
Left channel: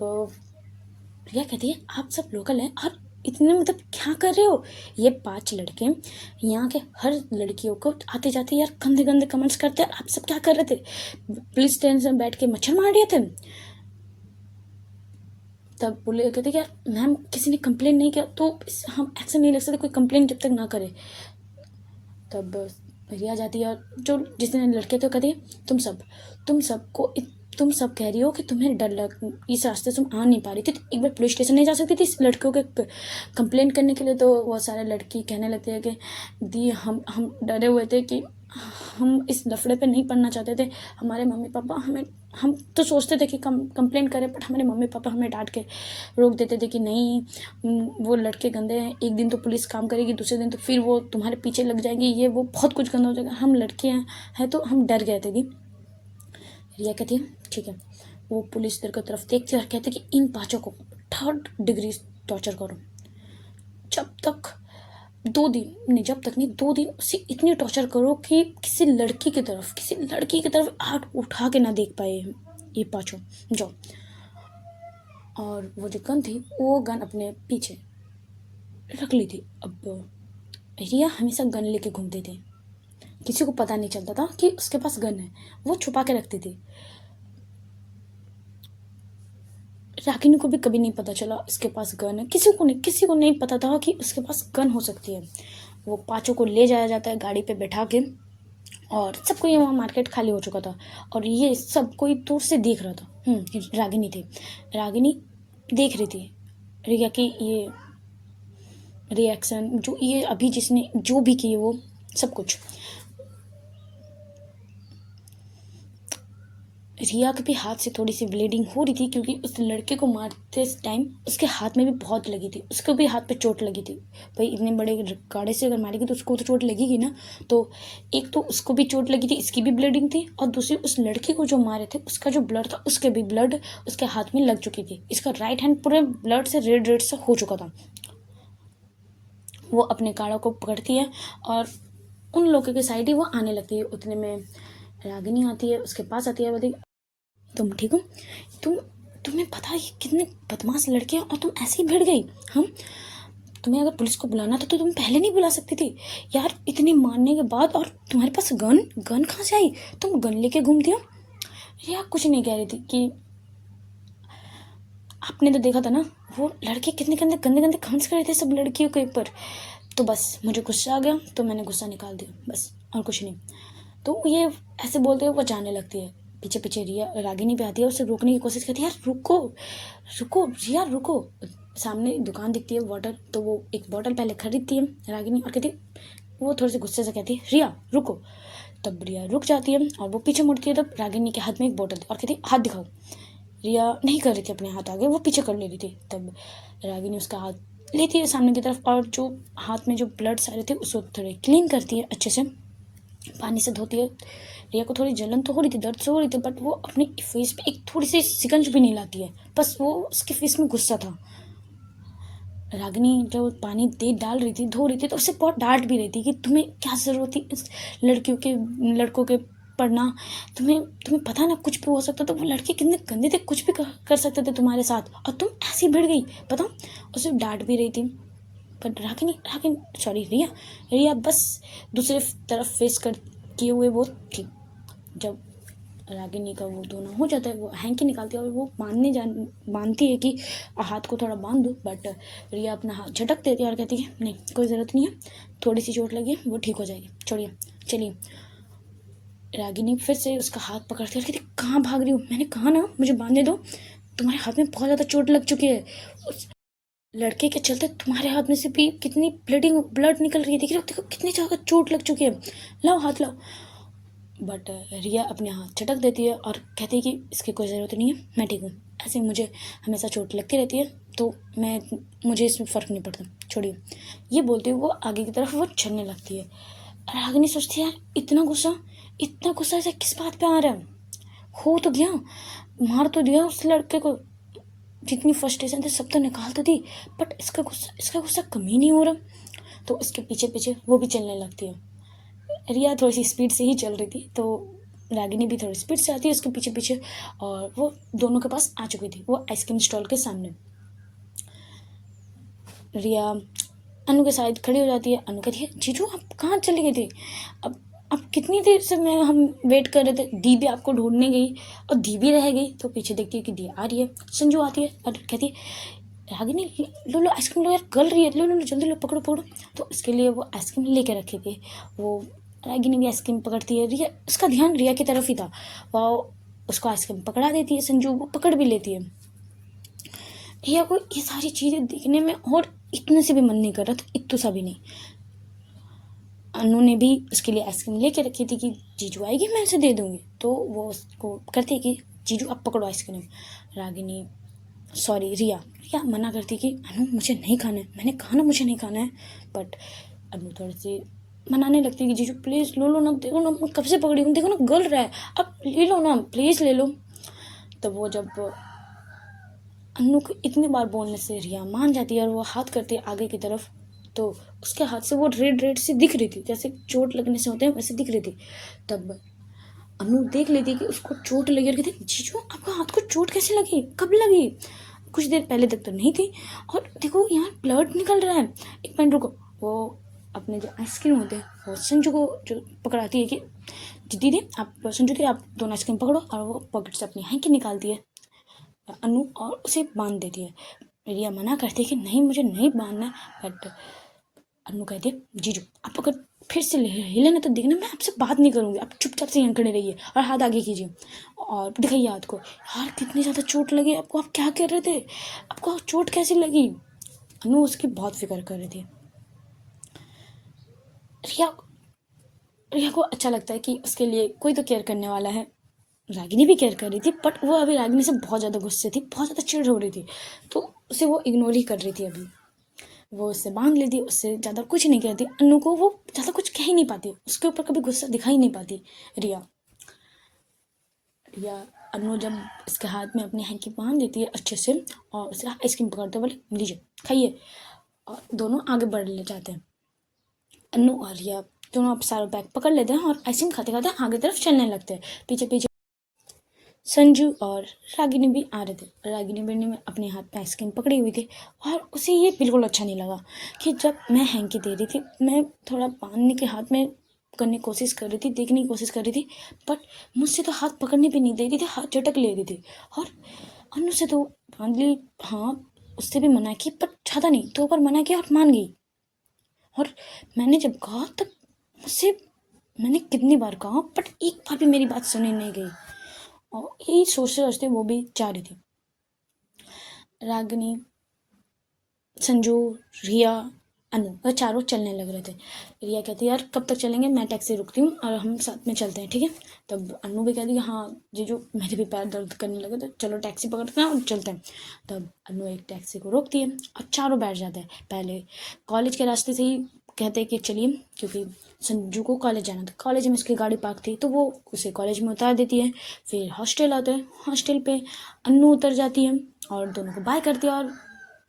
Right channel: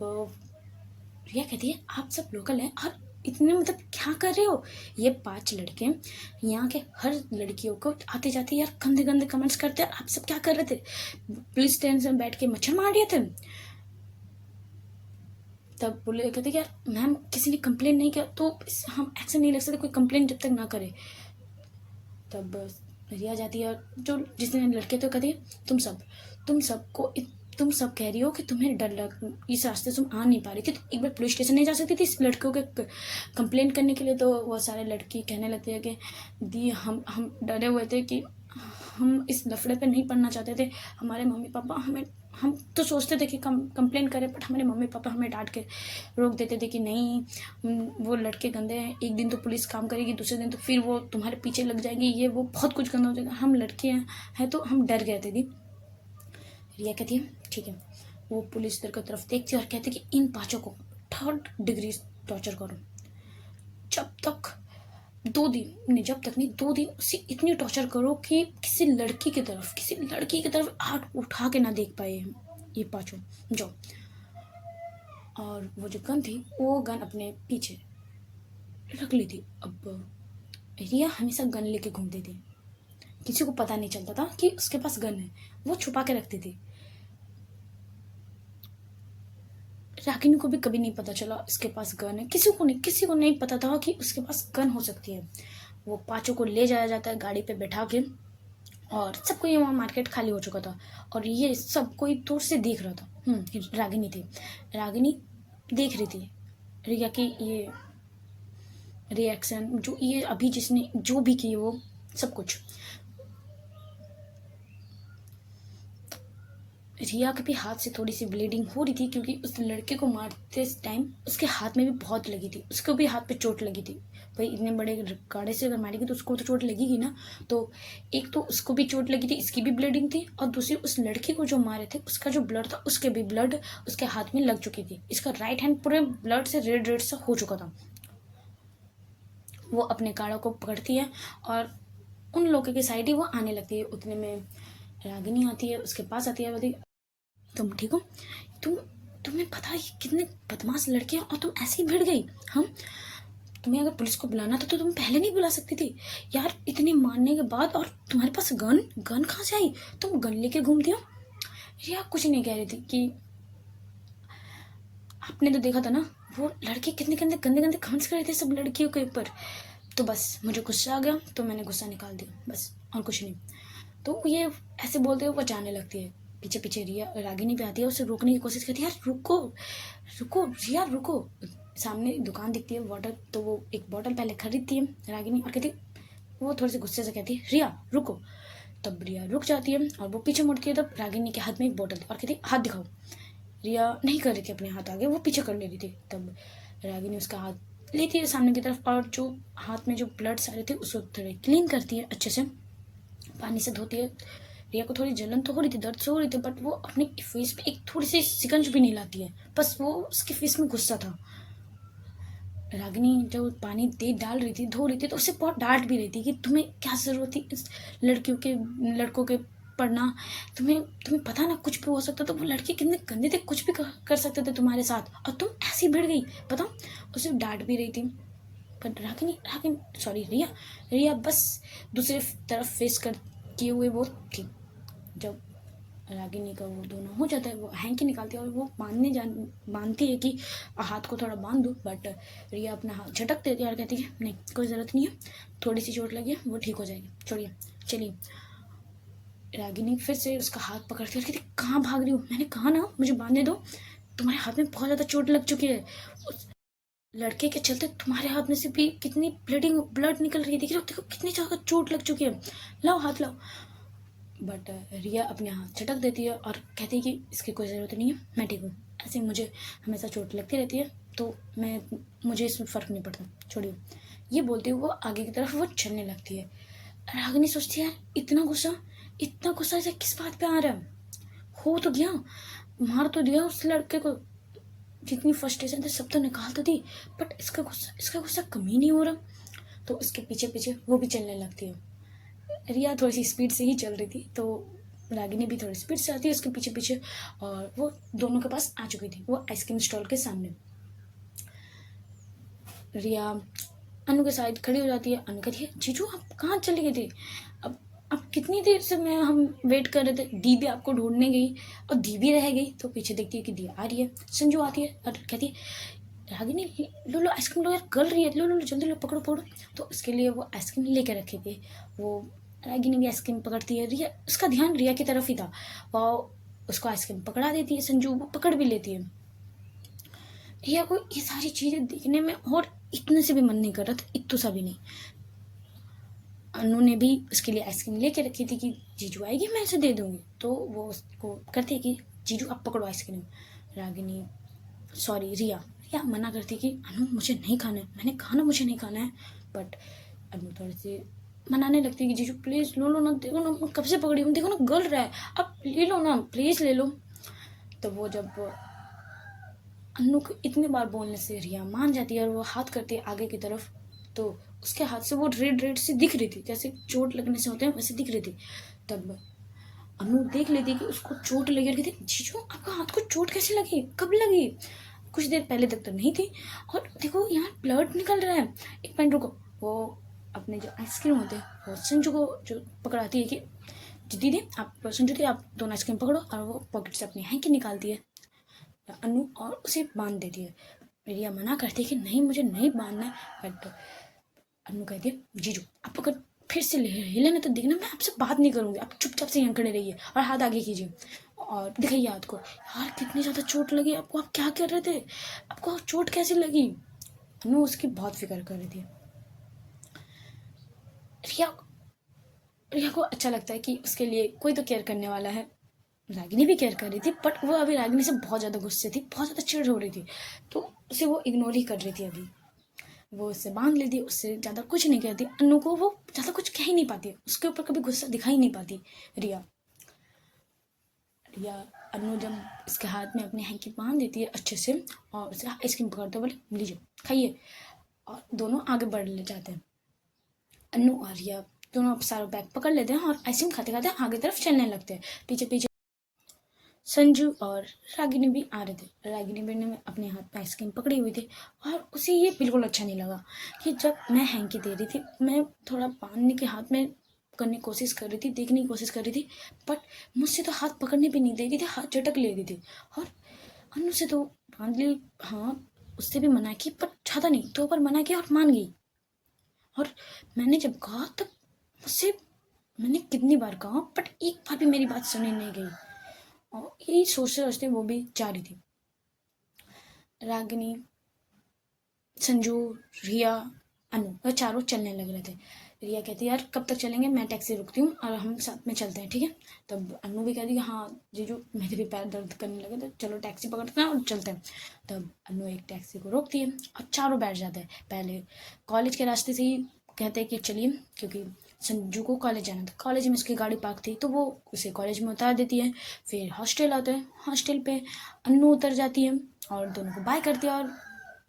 रिया कहती है आप सब लोकल हैं और इतने मतलब क्या कर रहे हो? ये 5 लड़के यहाँ के हर लड़कियों को आते जाते यार गंदे गंदे कमेंट्स करते हैं, आप सब क्या कर रहे थे? पुलिस स्टेशन में बैठ के मच्छर मार रहे थे? तब बोले कहते यार मैम किसी ने कंप्लेन नहीं किया तो हम एक्शन नहीं ले सकते, कोई कंप्लेन जब तक ना करे। तब रिया जाती है और जो जितने लड़के थे कहती है तुम सब कह रही हो कि तुम्हें डर लग, इस रास्ते से तुम आ नहीं पा रही थी, तो एक बार पुलिस स्टेशन नहीं जा सकती थी इस लड़कियों के कंप्लेंट करने के लिए? तो वो सारे लड़की कहने लगते हैं कि दी हम डरे हुए थे कि हम इस लफड़े पे नहीं पढ़ना चाहते थे, हमारे मम्मी पापा हमें, हम तो सोचते थे कि कंप्लेन करें, बट हमारे मम्मी पापा हमें डांट के रोक देते थे कि नहीं वो लड़के गंदे हैं, एक दिन तो पुलिस काम करेगी, दूसरे दिन तो फिर वो तुम्हारे पीछे लग जाएंगे, ये वो बहुत कुछ गंदा हो जाएगा, हम लड़के हैं तो हम डर गए थे दी। रिया कहती है ठीक है। वो पुलिस की तरफ देखती है और कहती है कि इन 5 को 3rd डिग्री टॉर्चर करो, जब तक 2 दिन उसे इतनी टॉर्चर करो कि किसी लड़की की तरफ हाथ उठा के ना देख पाए ये 5 जाओ। और वो जो गन थी वो गन अपने पीछे रख ली थी। अब रिया हमेशा गन लेके घूमती थी, किसी को पता नहीं चलता था कि उसके पास गन है, वो छुपा के रखती थी। रागिनी को भी कभी नहीं पता चला इसके पास गन है, किसी को नहीं पता था कि उसके पास गन हो सकती है। वो 5 को ले जाया जाता है गाड़ी पे बैठा के और सबको ये वहाँ मार्केट खाली हो चुका था और ये सब कोई दूर से देख रहा था। रागिनी थी, रागिनी देख रही थी रिया की ये रिएक्शन, जो ये अभी जिसने जो भी किए वो सब कुछ। रिया के भी हाथ से थोड़ी सी ब्लीडिंग हो रही थी क्योंकि उस लड़के को मारते टाइम उसके हाथ में भी बहुत लगी थी, उसको भी हाथ पे चोट लगी थी। भाई इतने बड़े गाड़े से अगर मारेगी तो उसको तो चोट लगेगी ना, तो एक तो उसको भी चोट लगी थी, इसकी भी ब्लीडिंग थी, और दूसरी उस लड़की को जो मारे थे उसका जो ब्लड था उसके भी ब्लड उसके हाथ में लग चुकी थी। इसका राइट हैंड पूरे ब्लड से रेड से हो चुका था। वो अपने काड़ों को पकड़ती है और उन लोगों की साइड ही वो आने लगती है। उतने में रागिनी आती है, उसके पास आती है, बोलती तुम ठीक हो? तुम्हें पता है कितने बदमाश लड़के हैं और तुम ऐसे ही भिड़ गई? हम तुम्हें अगर पुलिस को बुलाना था तो तुम पहले नहीं बुला सकती थी यार, इतने मारने के बाद, और तुम्हारे पास गन कहाँ से आई? तुम गन लेके घूमती हो? रिया कुछ नहीं कह रही थी कि आपने तो देखा था ना वो लड़के कितने गंदे गंदे गंदे कमेंट्स कर रहे थे सब लड़कियों के ऊपर, तो बस मुझे गुस्सा आ गया तो मैंने गुस्सा निकाल दिया, बस और कुछ नहीं। तो ये ऐसे बोलते हुए वो जाने लगती है, पीछे पीछे रिया रागिनी पे आती है, उसे रोकने की कोशिश करती है, यार रुको रुको रिया रुको। सामने दुकान दिखती है वाटर, तो वो एक बॉटल पहले खरीदती है रागिनी और कहती, वो थोड़ी सी गुस्से से कहती है रिया रुको। तब रिया रुक जाती है और वो पीछे मुड़ती है, तब रागिनी के हाथ में एक बोतल थी और कहती हाथ दिखाओ। रिया नहीं कर रही थी अपने हाथ आगे, वो पीछे कर ले रही थी। तब रागिनी उसका हाथ लेती है सामने की तरफ और जो हाथ में जो ब्लड सारे थे उसको थोड़े क्लीन करती है, अच्छे से पानी से धोती है। रिया को थोड़ी जलन तो हो रही थी, दर्द से हो रही थी, बट वो अपने फेस पे एक थोड़ी सी सिकंज भी नहीं लाती है, बस वो उसके फेस में गुस्सा था। रागिनी जब पानी दे डाल रही थी, धो रही थी, तो उससे बहुत डांट भी रही थी कि तुम्हें क्या जरूरत थी इस लड़कों के पढ़ना, तुम्हें पता ना कुछ भी हो सकता था, वो लड़के कितने गंदे थे, कुछ भी कर सकते थे तुम्हारे साथ और तुम ऐसी भिड़ गई, बताओ। उसे डांट भी रही थी, पर रागिनी सॉरी रिया बस दूसरे तरफ फेस कर किए हुए वो थी। जब रागिनी का वो दोनों हो जाता है, वो हैंकी निकालती है और वो मानती है कि हाथ को थोड़ा बांध दो, बट रिया अपना हाथ झटक देती है और कहती है नहीं कोई ज़रूरत नहीं है, थोड़ी सी चोट लगी है वो ठीक हो जाएगी, छोड़िए चलिए। रागिनी फिर से उसका हाथ पकड़ती है और कहती कहाँ भाग रही हूँ, मैंने कहा ना मुझे बांधने दो, तुम्हारे हाथ में बहुत ज़्यादा चोट लग चुकी है। लड़के के चलते तुम्हारे हाथ में से भी कितनी ब्लड निकल रही है, देख रहे हो, देखो कितनी जगह चोट लग चुकी है, लाओ हाथ लाओ। बट रिया अपने हाथ झटक देती है और कहती है कि इसकी कोई ज़रूरत नहीं है, मैं ठीक हूँ, ऐसे ही मुझे हमेशा चोट लगती रहती है, तो मुझे इसमें फ़र्क नहीं पड़ता, छोड़िए। ये बोलते हुए वो आगे की तरफ वो चलने लगती है। रागिनी सोचती है यार इतना गुस्सा ऐसा किस बात पे आ रहा है, हो तो गया, मार तो दिया उस लड़के को, जितनी फ्रस्ट्रेशन थी सब तो निकाल तो दी, बट इसका गुस्सा कम ही नहीं हो रहा। तो उसके पीछे पीछे वो भी चलने लगती है। रिया थोड़ी सी स्पीड से ही चल रही थी, तो रागिनी भी थोड़ी स्पीड से आती है उसके पीछे पीछे, और वो दोनों के पास आ चुकी थी, वो आइसक्रीम स्टॉल के सामने। रिया अनु के साइड खड़ी हो जाती है। अनु कहती है जीजू आप कहाँ चले गए थे, अब कितनी देर से हम वेट कर रहे थे, दी भी आपको ढूंढने गई और दी भी रह गई। तो पीछे देखती है कि दी आ रही है, संजू आती है और कहती है रागिनी लो लो आइसक्रीम लो यार, गल रही है, लो लो लो जल्दी लो, पकड़ो पकड़ो। तो इसके लिए वो आइसक्रीम लेके रखे थे, वो रागिनी भी आइसक्रीम पकड़ती है, रिया उसका ध्यान रिया की तरफ ही था, वो उसको आइसक्रीम पकड़ा देती है, संजू वो पकड़ भी लेती है। रिया को ये सारी चीज़ें देखने में और इतने से भी मन नहीं कर रहा था, इतू सा भी नहीं। अनु ने भी उसके लिए आइसक्रीम लेके रखी थी कि जीजू आएगी मैं उसे दे दूंगी, तो वो उसको करती है कि जीजू आप पकड़ो आइसक्रीम। रागिनी सॉरी रिया मना करती कि अनु मुझे नहीं खाना है, मैंने कहा ना मुझे नहीं खाना है। बट अनु थोड़ी सी मनाने लगती है कि जीजू प्लीज़ लो लो ना, देखो ना मैं कब से पकड़ी हूँ, देखो ना गल रहा है, अब ले लो ना प्लीज़ ले लो। तो वो जब अनु को इतनी बार बोलने से रिया मान जाती है और वो हाथ करती है आगे की तरफ, तो उसके हाथ से वो रेड रेड सी दिख रही थी, जैसे चोट लगने से होते हैं वैसे दिख रही थी। तब अनु देख लेती कि उसको चोट लगी और कहती जीजू आपका हाथ को चोट कैसे लगी, कब लगी, कुछ देर पहले तक तो नहीं थी, और देखो यहाँ ब्लड निकल रहा है, एक मिनट रुको। वो अपने जो आइसक्रीम होते हैं वो संजू को जो पकड़ाती है कि दीदी आप संजू दी आप दोनों आइसक्रीम पकड़ो, और वो पॉकेट से अपनी हैंकी निकालती है अनु और उसे बांध देती है। रिया मना करती है कि नहीं मुझे नहीं बांधना है, बट अनु कहती है जीजू आप अगर फिर से हिले ना तो देखना मैं आपसे बात नहीं करूंगी, आप चुपचाप से यहाँ खड़े रहिए और हाथ आगे कीजिए और दिखाइए हाथ को। यार कितनी ज़्यादा चोट लगी आपको, आप क्या कर रहे थे, आपको चोट कैसे लगी। अनु उसकी बहुत फिक्र कर रही थी। रिया रिया को अच्छा लगता है कि उसके लिए कोई तो केयर करने वाला है। रागिनी भी केयर कर रही थी, बट वो अभी रागिनी से बहुत ज़्यादा गुस्से थी, बहुत ज़्यादा चिढ़ हो रही थी, तो उसे वो इग्नोर ही कर रही थी। अभी वो उससे बांध लेती, उससे ज़्यादा कुछ नहीं कहती, अनु को वो ज़्यादा कुछ कह ही नहीं पाती, उसके ऊपर कभी गुस्सा दिखा ही नहीं पाती रिया। रिया अनु जब उसके हाथ में अपनी हैंकी बांध देती है अच्छे से और उसे आइसक्रीम पकड़ते बोले लीजिए खाइए, और दोनों आगे बढ़ ले जाते हैं। अनु और रिया दोनों अब सारा बैग पकड़ लेते हैं और आइसक्रीम खाते खाते आगे तरफ चलने लगते हैं। पीछे पीछे संजू और रागिनी भी आ रहे थे। रागिनी भी ने अपने हाथ में आइसक्रीम पकड़ी हुई थी और उसे ये बिल्कुल अच्छा नहीं लगा कि जब मैं हैंकी दे रही थी, मैं थोड़ा बांधने के हाथ में करने की कोशिश कर रही थी, देखने की कोशिश कर रही थी, बट मुझसे तो हाथ पकड़ने भी नहीं दे रही थी, हाथ झटक ले रही थी। और अनु से तो बांध ली, हाँ उससे भी मना की, पर ज़्यादा नहीं, 2 बार मना किया और मान गई। और मैंने जब कहा तब मुझसे मैंने कितनी बार कहा, बट एक बार भी मेरी बात सुनी नहीं गई, और यही सोचते सोचते वो भी जा रही थी। रागिनी संजू रिया अनु वह चारों चलने लग रहे थे। रिया कहती है यार कब तक चलेंगे, मैं टैक्सी रुकती हूँ और हम साथ में चलते हैं, ठीक है। तब अनु भी कहती है हाँ जीजू मेरे भी पैर दर्द करने लगे, तो चलो टैक्सी पकड़ते हैं और चलते हैं। तब अनु एक टैक्सी को रोकती है और चारों बैठ जाते हैं। पहले कॉलेज के रास्ते से ही कहते हैं कि चलिए, क्योंकि संजू को कॉलेज जाना था, कॉलेज में उसकी गाड़ी पार्क थी, तो वो उसे कॉलेज में उतार देती है। फिर हॉस्टल आता है, हॉस्टल पे अनु उतर जाती है और दोनों को बाय करती है और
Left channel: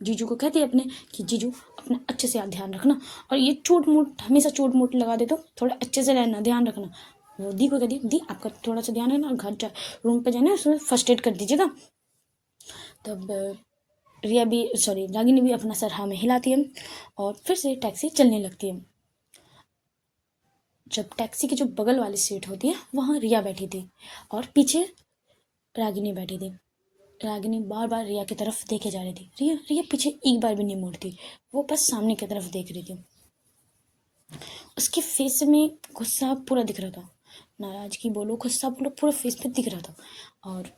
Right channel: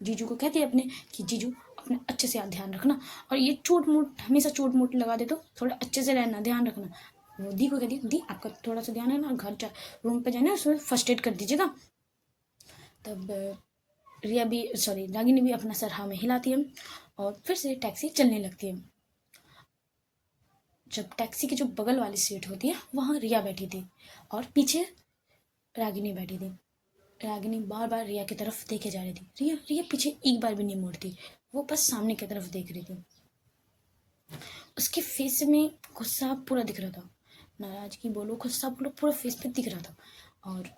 जीजू को कहती है अपने कि जीजू अपना अच्छे से ध्यान रखना, और ये चोट मोट हमेशा चोट मोट लगा दे तो थोड़ा अच्छे से रहना, ध्यान रखना। वो दी को कहती है दी आपका थोड़ा सा ध्यान है ना, घर जा रूम पे जाना, उसमें फर्स्ट एड कर दीजिएगा। तब रिया भी सॉरी रागिनी भी अपना सर हाँ में हिलाती है और फिर से टैक्सी चलने लगती है। जब टैक्सी की जो बगल वाली सीट होती है वहाँ रिया बैठी थी और पीछे रागिनी बैठी थी। रागिनी बार बार रिया की तरफ देखे जा रही थी, रिया रिया पीछे एक बार भी नहीं मुड़ती, वो बस सामने की तरफ देख रही थी। उसके फेस में गुस्सा पूरा दिख रहा था, नाराजगी बोलो गुस्सा बोलो पूरा फेस पे दिख रहा था। और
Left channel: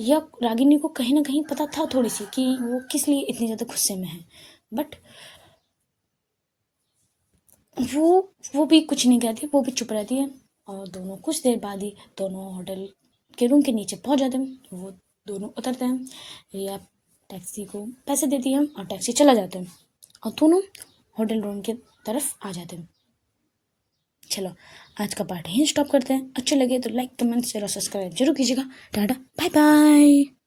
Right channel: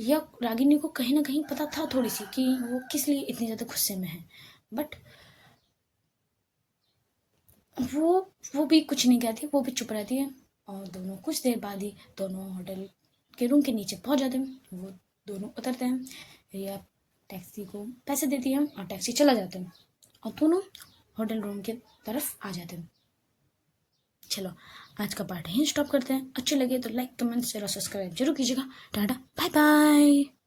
या रागिनी को कहीं ना कहीं पता था थोड़ी सी कि वो किस लिए इतनी ज़्यादा गुस्से में है, बट वो भी कुछ नहीं कहती, वो भी चुप रहती है। और दोनों कुछ देर बाद ही दोनों होटल के रूम के नीचे पहुंच जाते हैं। वो दोनों उतरते हैं, रिया टैक्सी को पैसे देती है और टैक्सी चला जाता है और दोनों होटल रूम की तरफ आ जाते हैं। चलो आज का पार्ट यहीं स्टॉप करते हैं। अच्छे लगे तो लाइक कमेंट शेयर और सब्सक्राइब जरूर कीजिएगा। Tata bye bye.